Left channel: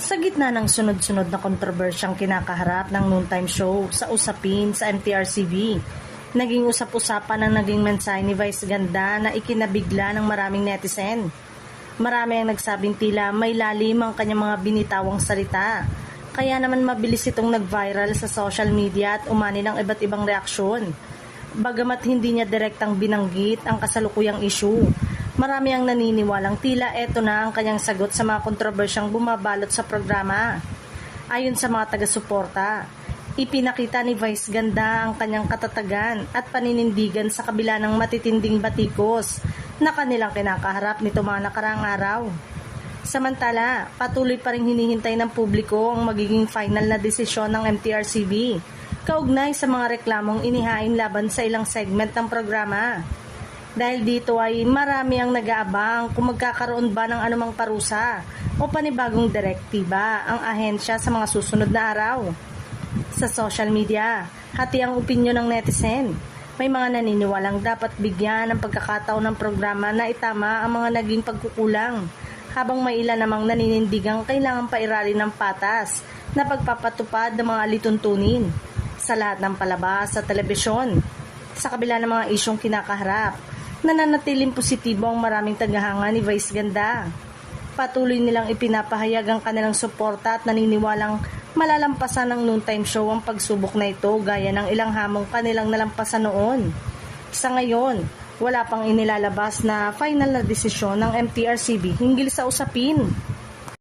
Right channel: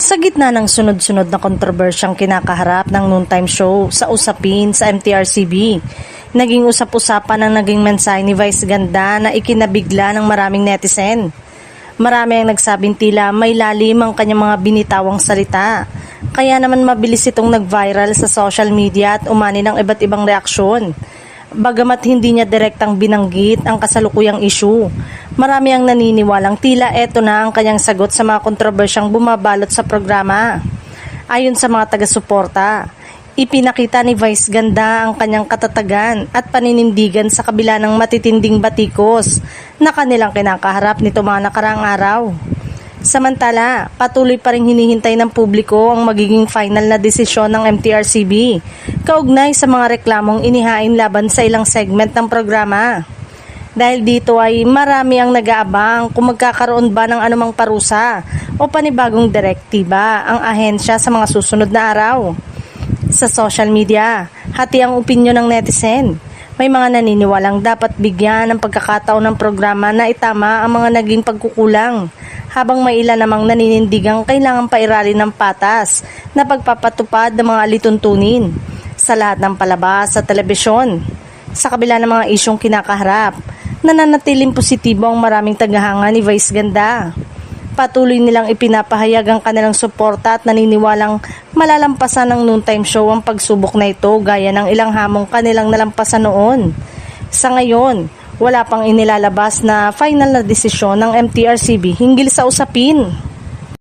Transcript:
Sa gitna ng sunod-sunod na kontrobersyang kinakaharap ng noontime show sa usapin sa MTRCB, naging usap-usapan ang naging mensahe ni Vice Ganda na ikinabigla ng maraming netizen. Marami ang nagsabing tila may lalim ang kanyang mga binitawang salita. Kaya naman mabilis itong nag-viral sa social media at umani ng iba't ibang reaksyon. Bagamat hindi niya direktang binanggit ang kasalukuyang issue, marami ang naniniwalang tila eto na ang kanyang sagot sa mga kontrobersyang bumabalot sa programa. Ayon sa mga taga-suporta, ipinakita ni Vice Ganda ang kanyang katatagan at paninindigan sa kabila ng matitinding batikos na kanilang kinakaharap nito mga nakaraang araw. Samantala, patuloy pa rin hinihintay ng publiko ang magiging final na desisyon ng MTRCB kaugnay sa mga reklamong inihain laban sa ilang segment ng programa. Dahil dito ay marami ang nag-aabang kung magkakaroon ba ng anumang parusa o panibagong direktiba ang ahensya sa mga susunod na araw. Sa social media, hati ang opinyon ng netizen. May mga naniniwalang dapat bigyan ng pagkakataon ng programa na itama ang mga naging pagkukulang, habang may ilan namang naninindigang kailangan pairalin ng patas na pagpapatupad ng mga alituntunin sa lahat ng palabas sa telebisyon. Sa kabila ng mga isyong kinakaharap, nananatiling positibo ang maraming tagahanga ni Vice Ganda. Patuloy nilang ipinapahayag ang kanilang suporta at naniniwalang malalampasan ng noontime show ang pagsubok na ito gaya ng ilang hamong kanilang nalampasan noon. Sa ngayon, wala pang inilalabas na final na desisyon ng MTRCB hinggil sa usapin.